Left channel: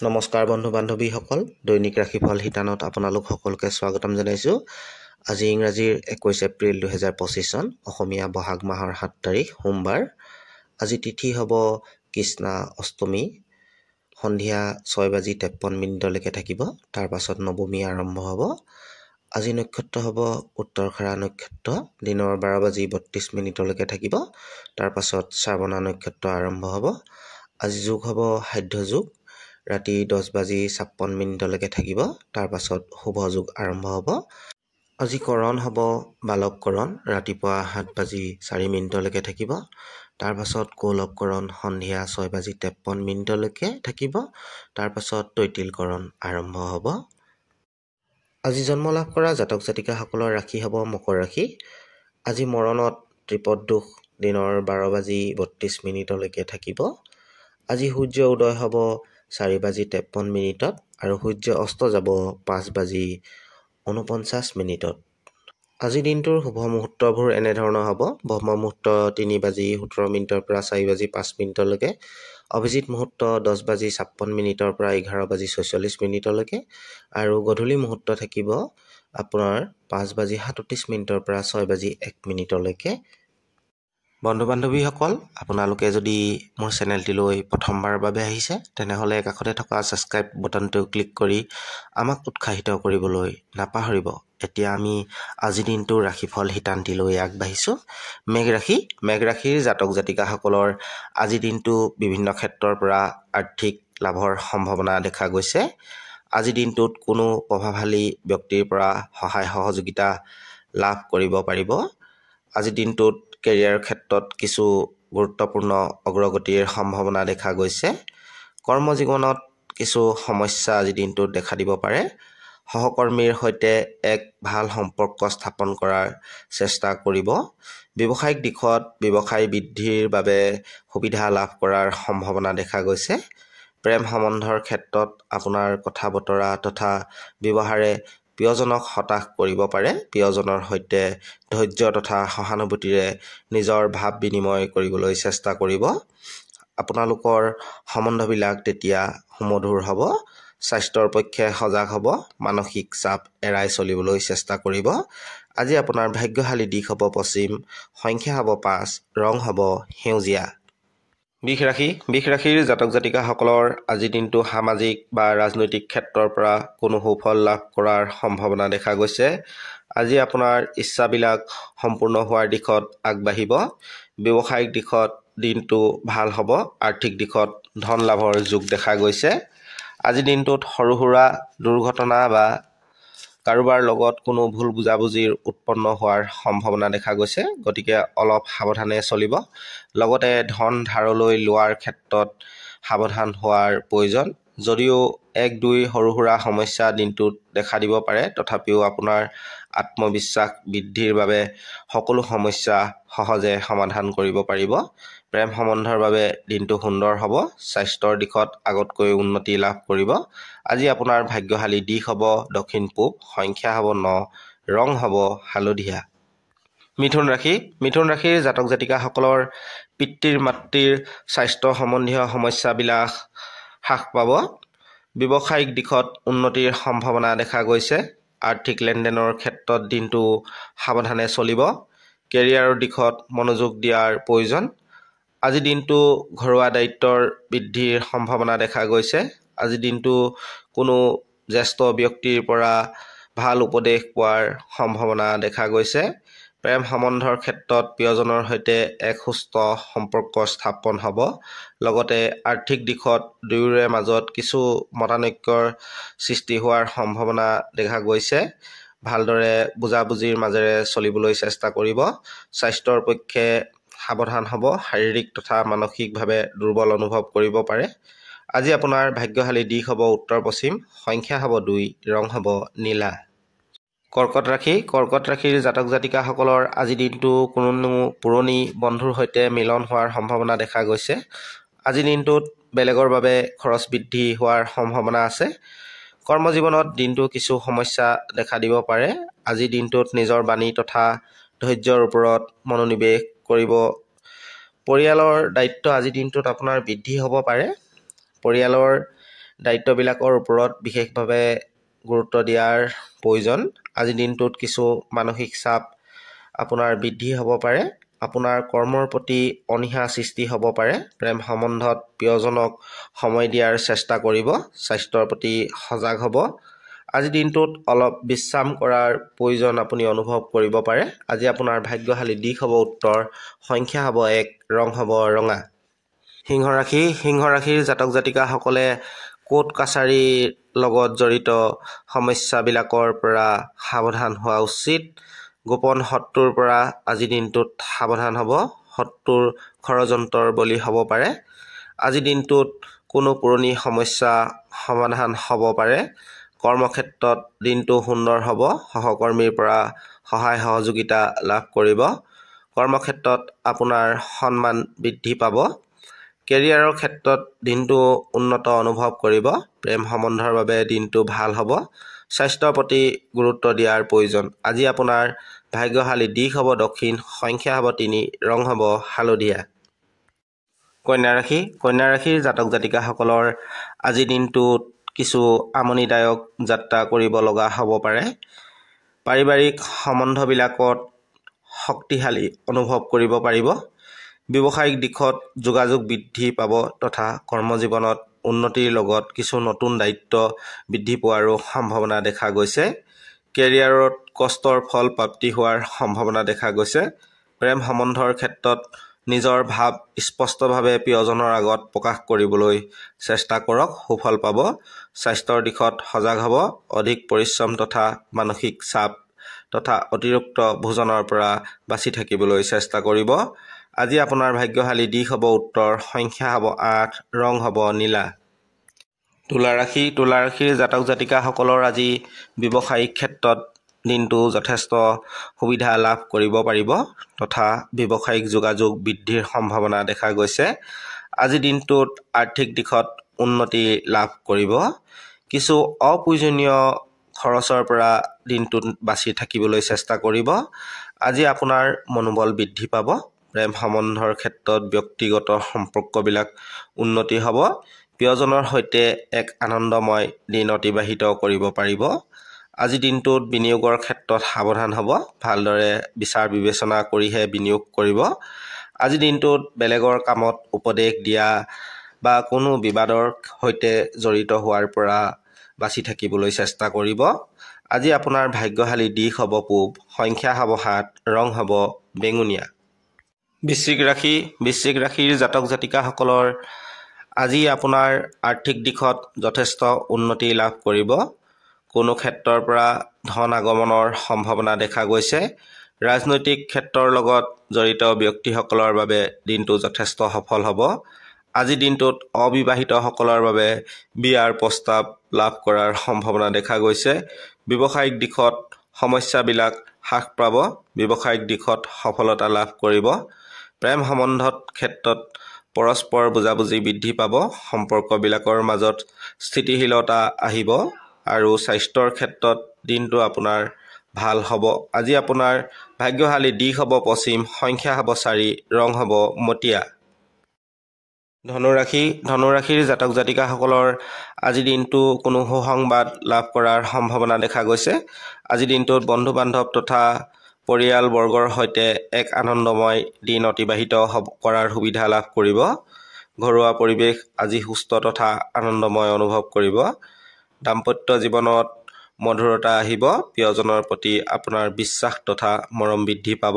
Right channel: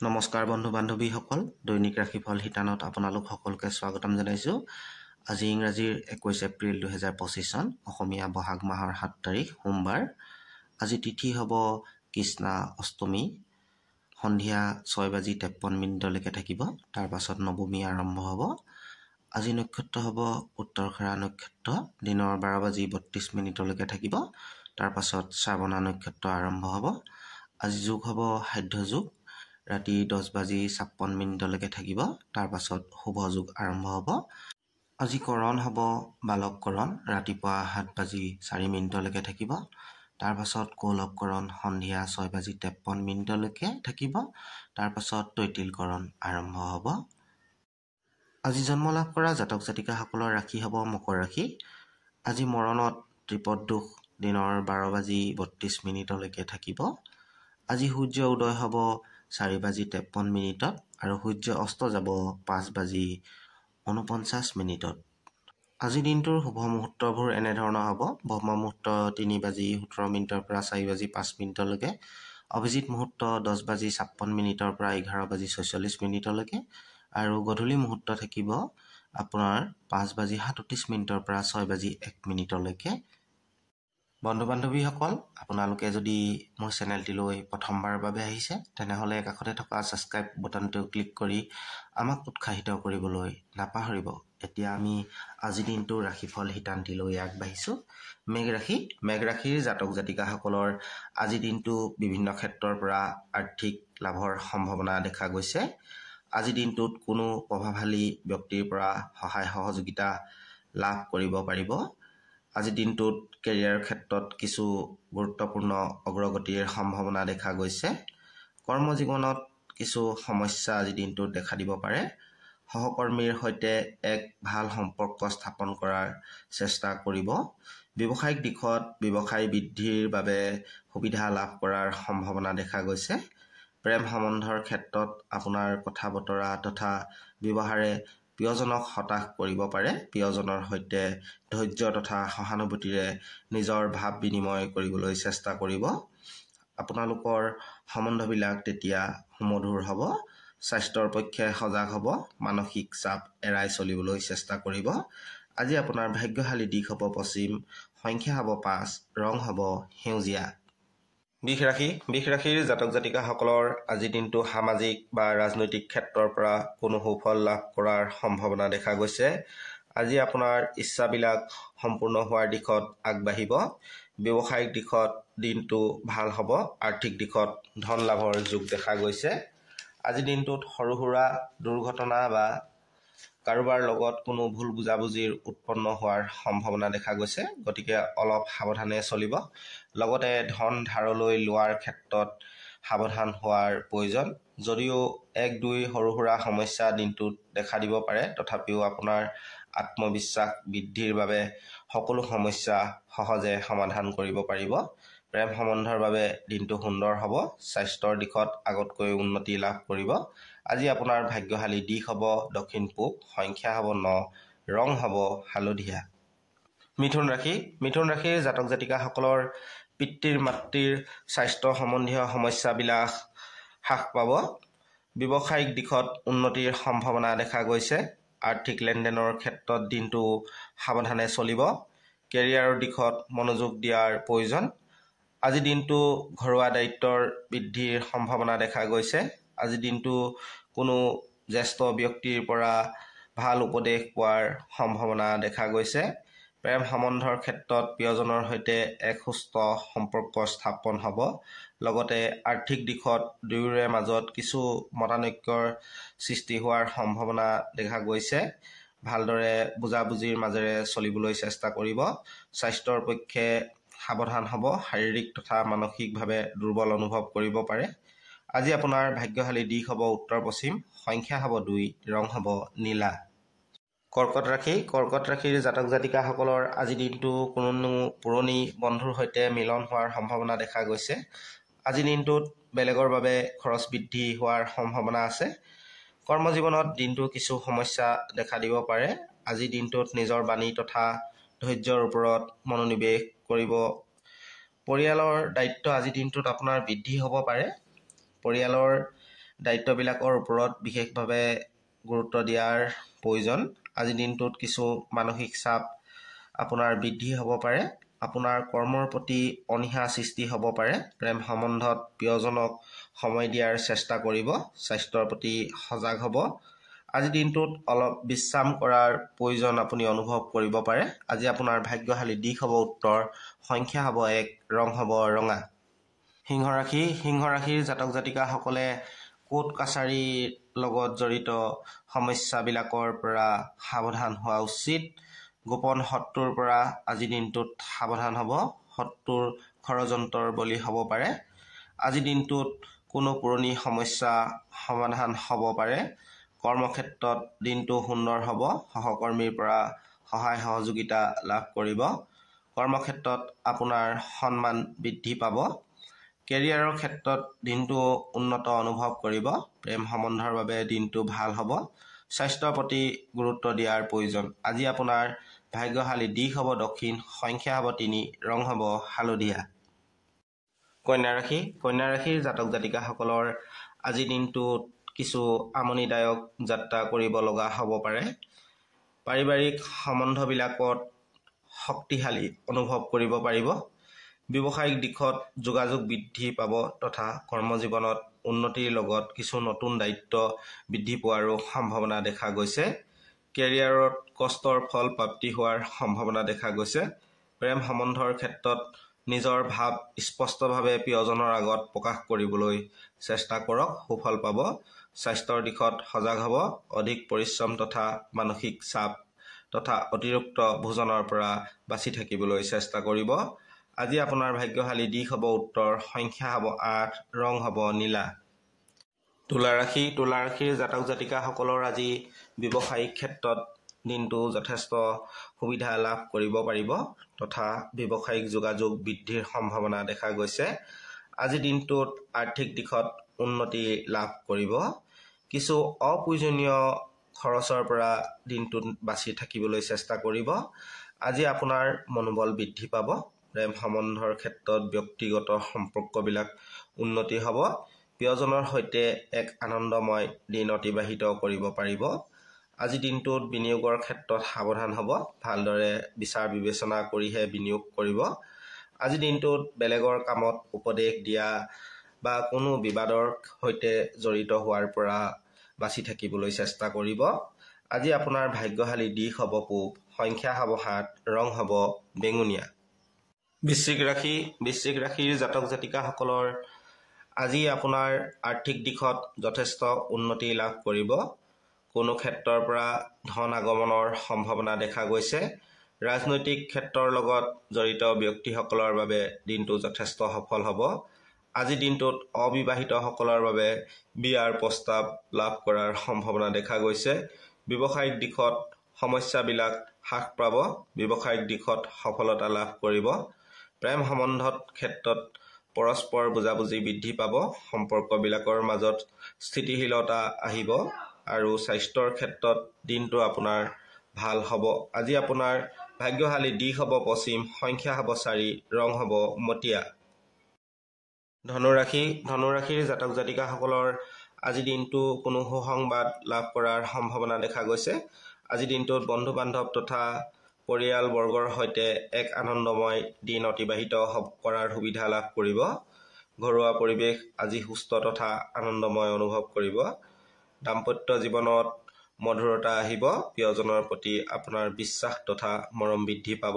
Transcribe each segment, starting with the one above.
নমস্কাৰ বন্ধু বান্ধৱীসকল, দৈনিক ৰাশিফল শিতানত আপোনালোক সকলোকে স্বাগতম জনাইছোঁ। আজি ইংৰাজীৰ 21 এপ্ৰিল 2025 চন, অসমীয়া বহাগ মাহৰ 7 তাৰিখ সোমবাৰ। আজি তিথি হ'ব কৃষ্ণা অষ্টমী, সন্ধিয়া 6:53 থাকিব। তাৰ পাছত নৱমী আৰম্ভ হ'ব। আজি নক্ষত্ৰ হ'ব উত্তৰখাৰা নক্ষত্ৰ, দিনৰ 12:32 থাকিব। তাৰ পাছত শ্ৰাৱণা নক্ষত্ৰ আৰম্ভ হ'ব। আজি যোগ হ'ব সাধ্য যোগ, ৰাতি 10:56 থাকিব। তাৰ পাছত শুভ যোগ আৰম্ভ হ'ব। আজি কৰণ হ'ব বালক কৰণ, ৰাতিপুৱা 7:04 থাকিব। তাৰ পাছত কৌলভ কৰণ সন্ধিয়া 6:53 থাকিব। তাৰ পাছত তৈতিল কৰণ আৰম্ভ হ'ব। আজি জন্ম লাভ কৰা জাতক জাতিকাসকলৰ ৰাশি হ'ব মকৰ ৰাশি। আজি মৰণত ত্ৰিপদ দোষ, দিনৰ 12:32 থাকিব। আজি সূৰ্য উদয় হ'ব 4:53 আৰু সূৰ্য অস্ত যাব 5:49। আজি দিনটোৰ শুভ মুহূৰ্তবোৰ এনেধৰণৰ হ'ব। ব্ৰহ্ম মুহূৰ্ত 3:17 পৰা 4:05 অভিজিত মুহূৰ্ত 10:56 পৰা 11:46 আৰু গধূলি মুহূৰ্ত থাকিব আপোনাৰ 5:37 পৰা 6:01। বন্ধু বান্ধৱীসকল, আপোনালোকে যদি মোৰ চেনেলটিলৈ প্ৰথমবাৰৰ বাবে আহিছে তেনেহ'লে কাষতে থকা ছাবস্ক্ৰাইব বটনটো ক্লিক কৰি আমাক উৎসাহিত কৰিবলৈ নাপাহৰিব। এতিয়া আমি আজিৰ দিনটোৰ ৰাশিফল শিতানটিলৈ আগবাঢ়িছোঁ। মেঘ ৰাশিৰ জাতক জাতিকাসকলৰ আজিৰ দিনটো বিভিন্ন ক্ষেত্ৰৰ পৰা আৰ্থিক লাভৰ সম্ভাৱনা দেখা গৈছে। আজিৰ দিনটোত কোনো প্ৰভাৱশালী ব্যক্তিৰ পৰা সহায় সহযোগিতা লাভ কৰিব পাৰিব। আজিৰ দিনটোত কেৰিয়াৰ ক্ষেত্ৰত কিছু গুৰুত্বপূৰ্ণ অগ্ৰগতিৰ সম্ভাৱনা দেখা গৈছে। কৰ্মজীৱনত কিছু সমস্যা আজিৰ দিনটোত দেখা দিব পাৰে। সহকৰ্মীৰ সৈতে এক ভাল সম্পৰ্ক স্থাপন কৰাৰ চেষ্টা কৰিব। ব্যৱসায়িক দিশত ব্যৱসায় বৃদ্ধিৰ বাবে সুবিধা লাভ কৰাৰ সম্ভাৱনা দেখা গৈছে। প্ৰেম সম্বন্ধৰ ক্ষেত্ৰত আপোনাৰ কথা বতৰা তথা ব্যৱহাৰে প্ৰিয়জনক হতাশ কৰিব পাৰে। প্ৰিয়জনৰ সৈতে ধৈৰ্য তথা সহানুভূতিৰে নিজৰ ভাৱ বিনিময় কৰিবলৈ চেষ্টা কৰিব। আপোনালোকৰ সম্বন্ধবিলাক তেতিয়া সুমধুৰ হ'ব। স্বাস্থ্যৰ পক্ষে সজাগ হ'ব। মানসিক চাপ এৰাই চলিবলৈ চেষ্টা কৰিব। আজি আপোনাৰ ভাগ্যশালী দিশ হ'ব পশ্চিম, সংখ্যা হ'ব 5, ৰং হ'ব সেউজীয়া। বৃষ ৰাশিৰ জাতক জাতিকাসকলৰ আজিৰ দিনটো সামাজিক বা ৰাজনৈতিক ক্ষেত্ৰৰ পৰা কোনো সুফল লাভ কৰাৰ সম্ভাৱনা দেখা গৈছে। আজি আপোনাৰ ইচ্ছাবিলাক সম্পূৰ্ণ হোৱাৰ দিশত আগবাঢ়িব। ব্যৱসায়িক দিশত দিনটো ভাল হ'ব। আৰ্থিক দিশত ধন লাভৰ যোগ দেখা গৈছে। আজিৰ দিনটোত সৰু সুৰা দুৰ্ঘটনা বা কাৰোবাৰ লগত কোনো ভুল বুজাবুজিৰ উৎপন্ন হোৱাৰ সম্ভাৱনা দেখা গৈছে, গতিকে অলপ সাৱধানে চলিব। লগতে ধন ধাৰলৈ লোৱাৰ ক্ষেত্ৰত সাৱধান হোৱাৰ প্ৰয়োজন। যদিও 1-2 সৰু সুৰা সমস্যা দিনটোত দেখা দিব পাৰে, তথাপিও আপোনাৰ আত্মবিশ্বাস বৃদ্ধিৰ বাবে সকলো সমস্যা সহজে সমাধান কৰিব পাৰিব। প্ৰেম সম্বন্ধৰ বাবে দিনটো সুন্দৰ হ'ব। স্বাস্থ্যৰ দিশত আগতকৈ উন্নতি লাভ কৰিব। আজি আপোনাৰ ভাগ্যশালী দিশ হ'ব দক্ষিণ পূব, সংখ্যা হ'ব 9, ৰং হ'ব হালধীয়া। মিথুন ৰাশিৰ জাতক জাতিকাসকলৰ পিতৃ মাতৃৰ স্বাস্থ্য সম্বন্ধীয় সমস্যাবিলাক হ্ৰাস পাব। ব্যৱসায়িক দিশত উন্নতিৰ সম্ভাৱনা দেখা গৈছে। আৰ্থিক লেনদেনৰ ক্ষেত্ৰত দিনটো সাৱধানে চলিব। কেৰিয়াৰৰ দিশত মনোযোগ দিয়াৰ প্ৰয়োজন। আজি দিনটো ঘৰুৱা দায়িত্বৰ বৃদ্ধিৰ সম্ভাৱনা দেখা গৈছে। আজি দিনটো কোনো জ্যেষ্ঠ ব্যক্তিৰ পৰা ভাল উপদেশ পোৱাৰ সম্ভাৱনা দেখা গৈছে। প্ৰেম সম্বন্ধৰ ক্ষেত্ৰত প্ৰিয়জনৰ সৈতে এক সুস্থ সম্পৰ্ক স্থাপন হ'ব। লগতে আৰ্থিক দিশত দুয়োৰে মাজত কিছু মতানৈক্যৰ সৃষ্টি হোৱাৰ সম্ভাৱনা দেখা গৈছে। ভালদৰে বুজাবুজিৰ মাজেৰে চলিবলৈ চেষ্টা কৰিব। স্বাস্থ্যৰ পক্ষে সাৱধান হ'ব। শাৰীৰিক তথা মানসিকভাৱে দুৰ্বল অনুভৱ কৰিব পাৰে। আজি আপোনাৰ ভাগ্যশালী দিশ হ'ব উত্তৰ পশ্চিম, সংখ্যা হ'ব 2, ৰং হ'ব নীলা। কৰ্কট ৰাশিৰ জাতক জাতিকাসকলৰ আজি দিনটো কোনো পুৰণি বন্ধুৰ সৈতে মিলন হোৱাৰ সম্ভাৱনা দেখা গৈছে। আজি দিনটোত বেলেগৰ বাবে খৰচ বৃদ্ধি হোৱাৰ সম্ভাৱনা আছে। কৰ্মজীৱনত দিনটো কিছু সমস্যা দেখা দিব পাৰে। আজি দিনটোত নিজৰ বাণী তথা ধৈৰ্যৰ ওপৰত মনোনিৱেশ কৰিব। পৰিয়ালৰ দায়িত্ব আজিৰ দিনটোত আপোনাৰ বৃদ্ধি হ'ব পাৰে। পৰিয়ালৰ দায়িত্ববিলাকৰ ওপৰত বিশেষভাৱে গুৰুত্ব দিয়াৰ প্ৰয়োজন। আজিৰ দিনটোত কিছু মানসিক চাপ আপোনাৰ বৃদ্ধি হ'ব পাৰে। আপোনাৰ কৰ্মৰ প্ৰতি অনীহা সৃষ্টি হ'ব পাৰে। প্ৰেম সম্বন্ধত প্ৰিয়জনক সময় দিয়াৰ চেষ্টা কৰিব। স্বাস্থ্যৰ প্ৰতি সজাগ হ'ব। আজিৰ দিনটোত অলপ বিশ্ৰাম কৰাৰ প্ৰয়োজন আপুনি অনুভৱ কৰিব পাৰে। আজি আপোনাৰ ভাগ্যশালী দিশ হ'ব উত্তৰ, সংখ্যা হ'ব 1, ৰং হ'ব ৰঙা। সিংহ ৰাশিৰ জাতক জাতিকাসকলে কোৰ্ট কাছাৰীৰ লগত জড়িত সমস্যাবিলাকৰ পৰা সাৱধান হোৱা উচিত। গোপন শত্ৰুৰ পৰা আজিৰ দিনটোত সাৱধান হ'ব। শত্ৰুৰ ষড়যন্ত্ৰৰ বলি হ'ব পাৰে। আজিৰ দিনটোত কোনো পুৰণি সমস্যা সমাধান হ'ব পাৰে। কৰ্মক্ষেত্ৰত দিনটো সুন্দৰ হ'ব। সহকৰ্মীৰ পৰা সহায় সহযোগিতা লাভ কৰিব। কৰ্মক্ষেত্ৰত আপোনাৰ সন্মান বৃদ্ধি পাব। কেৰিয়াৰৰ ক্ষেত্ৰত দিনটো উন্নত অনুভৱ কৰিব। প্ৰেম সম্বন্ধৰ বাবে দিনটো ভাল হ'ব। স্বাস্থ্যৰ প্ৰতি গুৰুত্ব দিয়াৰ প্ৰয়োজন। আজি আপোনাৰ ভাগ্যশালী দিশ হ'ব দক্ষিণ, সংখ্যা হ'ব 3, ৰং হ'ব হালধীয়া। কন্যা ৰাশিৰ জাতক জাতিকাসকলৰ আজিৰ দিনটোত কিছু আমনিদায়ক যাত্ৰা কৰিব লগা হ'ব পাৰে। পাৰিবাৰিক সম্বন্ধবিলাকত শক্তিশালী অনুভৱ কৰিব পাৰিব। ব্যৱসায়িক দিশত যোগাযোগ বৃদ্ধি পাব তথা কৰ্মজীৱনত উন্নতিৰ লগত কিছু নতুন দায়িত্ব বৃদ্ধি পোৱাৰো সম্ভাৱনা দেখা গৈছে। কেৰিয়াৰত কষ্টৰ ফল প্ৰাপ্তি হোৱাৰ সম্ভাৱনা দেখা গৈছে। প্ৰেম সম্বন্ধৰ ক্ষেত্ৰত নিজৰ ভাৱ স্পষ্টভাৱে প্ৰিয়জনৰ আগত প্ৰকাশ কৰিবলৈ চেষ্টা কৰক, সুফল পাব। স্বাস্থ্যৰ দিশত সজাগ হ'ব। অধিক পৰিশ্ৰম তথা মানসিক চাপ তথা অতিৰিক্ত ভোজনৰ পৰা বাচি থাকিবলৈ চেষ্টা কৰিব। আজি আপোনাৰ ভাগ্যশালী দিশ হ'ব উত্তৰ, সংখ্যা হ'ব 8, ৰং হ'ব নীলা। তুলা ৰাশিৰ জাতক জাতিকাসকলৰ আজি ব্যৱসায়িক ক্ষেত্ৰত দিনটো যথেষ্ট সুবিধা লাভ কৰিব পাৰিব তথা ব্যৱসায়িক যোগাযোগ বৃদ্ধিৰ সম্ভাৱনা দেখা গৈছে। আজি দিনটোত আৰ্থিক দিশত উন্নতি লাভ কৰিব। কিছু অপ্ৰয়োজনীয় খৰচৰ পৰা দিনটোত বাচি থাকিবলৈ চেষ্টা কৰিব। আজি আপোনাৰ মনোবল বৃদ্ধি পাব। প্ৰেম সম্বন্ধৰ ক্ষেত্ৰত ব্যক্তিগত সম্পৰ্কবিলাক উন্নতি হ'ব। প্ৰিয়জনৰ সৈতে এক আনন্দময় দিন অতিবাহিত কৰিব পাৰিব। আজি দিনটোত বিনিয়োগৰ ক্ষেত্ৰত সাৱধান হ'ব। ভালদৰে বিচাৰ বিবেচনা কৰিহে বিনিয়োগ কৰিব। আজি দিনটোত বেলেগৰ কামত উপদেশ দিয়া বা কোনো বিবাদৰ সৈতে জড়িত হোৱাৰ পৰা বাচি থাকিবলৈ চেষ্টা কৰিব। আজি আপোনাৰ ভাগ্যশালী দিশ হ'ব পূব, সংখ্যা হ'ব 7, ৰং হ'ব বেঙুনীয়া। বৃশ্চিক ৰাশিৰ জাতক জাতিকাসকলৰ আজি আপোনাৰ আৰ্থিক দিশত যথেষ্ট উন্নতি লাভ কৰিব। কোনো ক্ষেত্ৰৰ পৰা ধন আগমনৰ সম্ভাৱনা দেখা গৈছে। ৰাজনৈতিক ক্ষেত্ৰৰ লগত জড়িত ব্যক্তিসকলৰ বাবে দিনটো যথেষ্ট সফল হ'ব। আজি দিনটোত অবিবাহিতসকলৰ বাবে বিয়াৰ প্ৰস্তাৱ লাভ কৰাৰ সম্ভাৱনা দেখা গৈছে। ব্যৱসায়িক দিশত সমস্যাবিলাক হ্ৰাস পাব। ব্যৱসায়িক দিশত সফলতা লাভ কৰিব। প্ৰেম সম্বন্ধত ক্ষেত্ৰত পৰস্পৰ বুজাবুজি বৃদ্ধি পাব। সম্পৰ্কবিলাকৰ মাজত স্থিতিশীলতা আহিব আৰু স্বাস্থ্যৰ ক্ষেত্ৰত দিনটো আপোনাৰ ভাল হ'ব। আজি আপোনাৰ ভাগ্যশালী দিশ হ'ব পশ্চিম, সংখ্যা হ'ব 4, ৰং হ'ব মটীয়া। ধনুৰাশিৰ জাতক জাতিকাসকলৰ আজিৰ দিনটো কোনো সুসংবাদ লাভ কৰাৰ সম্ভাৱনা দেখা গৈছে। আজিৰ দিনটোত বন্ধু বান্ধৱ তথা পৰিয়ালবৰ্গৰ সৈতে এক আনন্দময় দিন অতিবাহিত কৰাৰ সুবিধা লাভ কৰিব। ঘৰুৱা পৰিৱেশ আজি সুস্থ তথা আনন্দময় অনুভৱ কৰিব। দাম্পত্য জীৱনত মধুৰতা আহিব। প্ৰিয়জনৰ প্ৰতি আপোনাৰ বিশ্বাস তথা মৰম বৃদ্ধি পাব।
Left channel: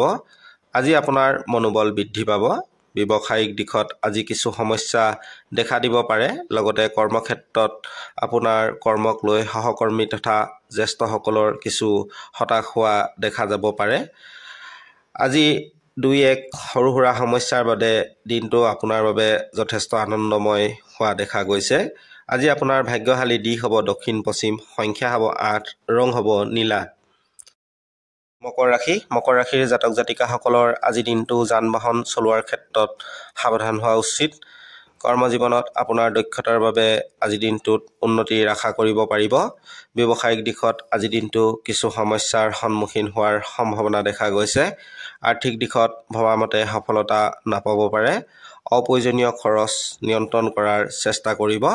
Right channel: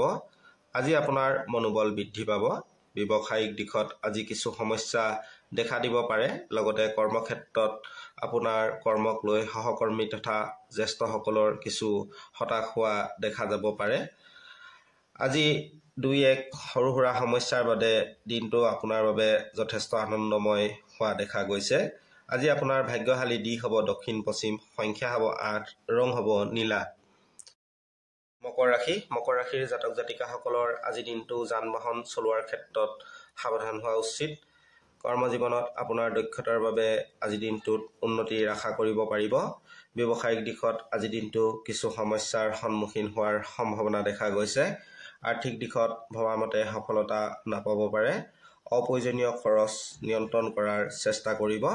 আজি আপোনাৰ মনোবল বৃদ্ধি পাব। ব্যৱসায়িক দিশত আজি কিছু সমস্যা দেখা দিব পাৰে। লগতে কৰ্মক্ষেত্ৰত আপোনাৰ কৰ্মক লৈ সহকৰ্মী তথা জ্যেষ্ঠসকলৰ কিছু হতাশ হোৱা দেখা যাব পাৰে। আজি 2-1 সৰু সুৰা সমস্যাৰ বাবে দিনটো আপোনাৰ বাবে যথেষ্ট আনন্দময় হোৱা দেখা গৈছে। আজি আপোনাৰ ভাগ্যশালী দিশ হ'ব দক্ষিণ পশ্চিম, সংখ্যা হ'ব 8, ৰং হ'ব নীলা। মকৰ ৰাশিৰ জাতক জাতিকাসকলৰ আজি দিনটো যান বাহন চলোৱাৰ ক্ষেত্ৰত সাৱধান হোৱা উচিত। কৰ্মজীৱনত আপোনাৰ দক্ষতাৰ বাবে আজি দিনটোত উন্নতিৰ আশা কৰিব পাৰিব। ব্যৱসায়িক দিশত আজি দিনটো কিছু সমস্যাৰ সন্মুখীন হোৱাৰ সম্ভাৱনা দেখা গৈছে। আৰ্থিক দিশত ভবামতে সফলতা নাপাব পাৰে। অপ্ৰয়োজনীয় খৰচ নিয়ন্ত্ৰণ কৰাৰ চেষ্টা কৰিব।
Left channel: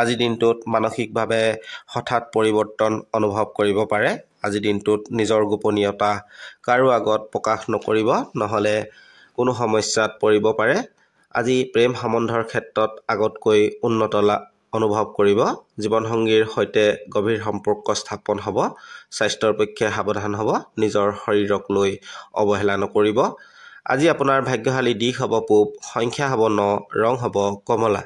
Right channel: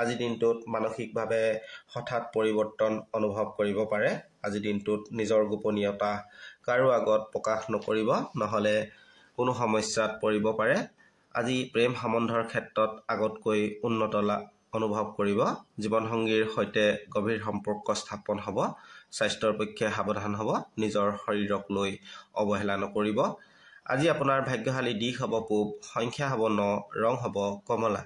আজি দিনটোত মানসিকভাৱে হঠাৎ পৰিৱৰ্তন অনুভৱ কৰিব পাৰে। আজি দিনটোত নিজৰ গোপনীয়তা কাৰো আগত প্ৰকাশ নকৰিব, নহ'লে কোনো সমস্যাত পৰিব পাৰে। আজি প্ৰেম সম্বন্ধৰ ক্ষেত্ৰত আগতকৈ উন্নত অনুভৱ কৰিব। জীৱনসংগীৰ সৈতে গভীৰ সম্পৰ্ক স্থাপন হ'ব। স্বাস্থ্যৰ পক্ষে সাৱধান হ'ব। নিজৰ শৰীৰক লৈ অৱহেলা নকৰিব। আজি আপোনাৰ ভাগ্যশালী দিশ হ'ব পূব, সংখ্যা হ'ব 9, ৰং হ'ব কমলা।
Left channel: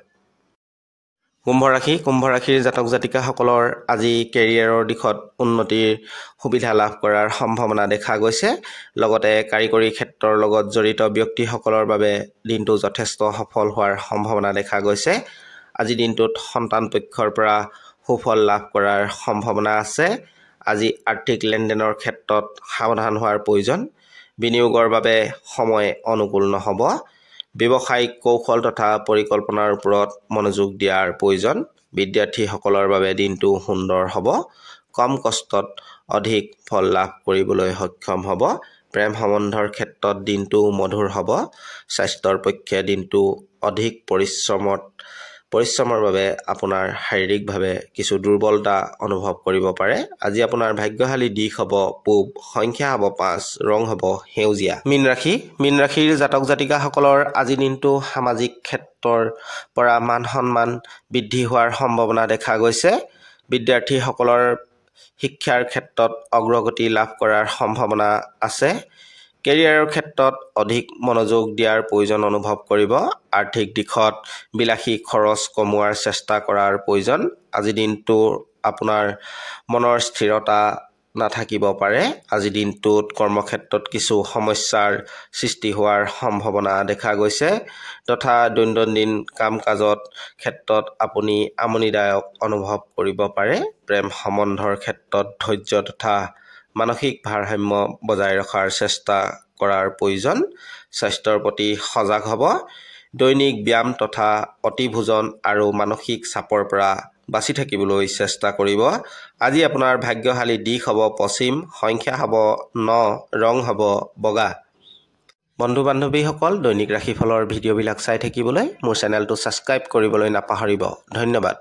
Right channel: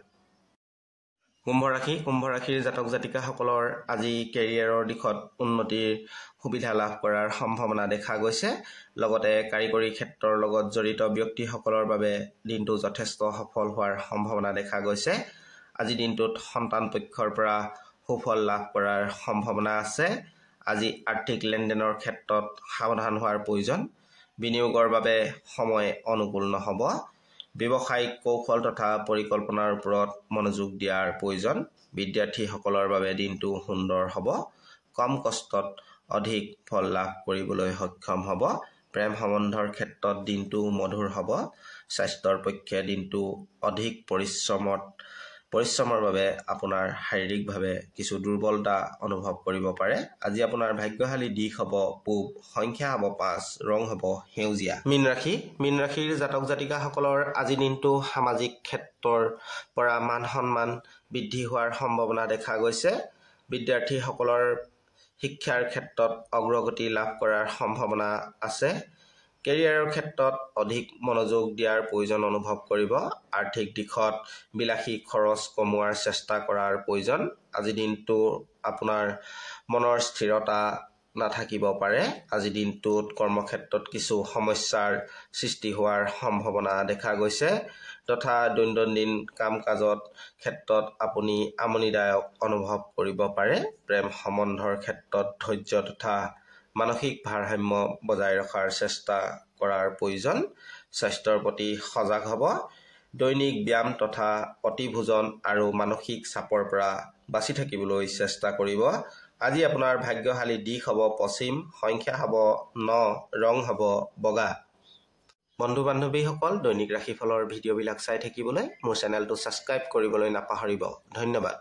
কুম্ভ ৰাশিৰ জাতক জাতিকাসকলৰ আজি কেৰিয়াৰৰ দিশত উন্নতিৰ সুবিধা লাভ কৰাৰ সম্ভাৱনা দেখা গৈছে। লগতে কাৰিকৰী ক্ষেত্ৰৰ লগত জড়িত ব্যক্তিসকলৰ বাবে দিনটো যথেষ্ট সফল হোৱাৰ সম্ভাৱনা দেখা গৈছে। আজি দিনটোত সন্তান পক্ষৰ পৰা সুফল লাভ কৰাৰ সম্ভাৱনা আছে। আজি আৰ্থিক লেনদেনৰ ক্ষেত্ৰত সাৱধান হোৱাৰ প্ৰয়োজন। বিনিয়োগৰ বাবে সময় অনুকূল নহ'ব। ব্যৱসায়িক কৌশল তথা পৰিকল্পনাৰ ওপৰত মনোযোগ দিয়াৰ প্ৰয়োজন। বিদ্যাৰ্থীসকলৰ বাবে দিনটো সুন্দৰ হ'ব। কম কষ্টত অধিক ফল লাভ কৰিবলৈ সক্ষম হ'ব। প্ৰেম সম্বন্ধৰ ক্ষেত্ৰত দিনটো মধুৰ হ'ব। স্বাস্থ্যৰ পক্ষে দিনটো অধিক পৰিশ্ৰমৰ বাবে আপোনাৰ শাৰীৰিকভাৱে কিছু দুৰ্বলতা অনুভৱ কৰিব পাৰে। আজি আপোনাৰ ভাগ্যশালী দিশ হ'ব পূব, সংখ্যা হ'ব 5, ৰং হ'ব সেউজীয়া। মীন ৰাশিৰ জাতক জাতিকাসকলৰ আজি দিনটো সামাজিক ক্ষেত্ৰৰ পৰা মান সন্মান বৃদ্ধি হোৱাৰ সম্ভাৱনা দেখা গৈছে। বিদ্যাৰ্থীসকলৰ শিক্ষাৰ ক্ষেত্ৰত অগ্ৰগতি লাভ কৰাৰ সম্ভাৱনা আছে। কেৰিয়াৰৰ ক্ষেত্ৰত অধিক মনোযোগ দিয়াৰ প্ৰয়োজন অনুভৱ কৰিব। আৰ্থিক দিশত বিলাসী খৰচ কমোৱাৰ চেষ্টা কৰাৰ প্ৰয়োজন। আজি দিনটো আপোনাৰ মনৰ স্থিৰতা নাথাকিব পাৰে। আজি দিনটোত কৰ্মক্ষেত্ৰত কিছু সমস্যাৰ সৃষ্টি হোৱাৰ সম্ভাৱনা দেখা গৈছে তথা দৈনন্দিন কাম কাজৰ ক্ষেত্ৰত আপুনি আমনিদায়ক অনুভৱ কৰিব পাৰে। প্ৰেম সম্বন্ধৰ ক্ষেত্ৰত ধৈৰ্য তথা মানসিক ভাৰসাম্য বজাই ৰখাৰ চেষ্টা কৰাৰ প্ৰয়োজন। স্বাস্থ্যৰ প্ৰতি সজাগ হ'ব। দৈনিক ব্যায়াম তথা অতিভোজন আৰু মানসিক চাপৰ পৰা বাচি থাকিবলৈ চেষ্টা কৰিব। আজি আপোনাৰ ভাগ্যশালী দিশ হ'ব পশ্চিম, সংখ্যা হ'ব 9, ৰং হ'ব বগা। বন্ধু বান্ধৱীসকল, দৈনিক ৰাশিফলৰ ভিডিঅ'বিলাক চাই থাকিবলৈ মোৰ চেনেলটো ছাবস্ক্ৰাইব কৰিবলৈ নাপাহৰিব। ধন্যবাদ।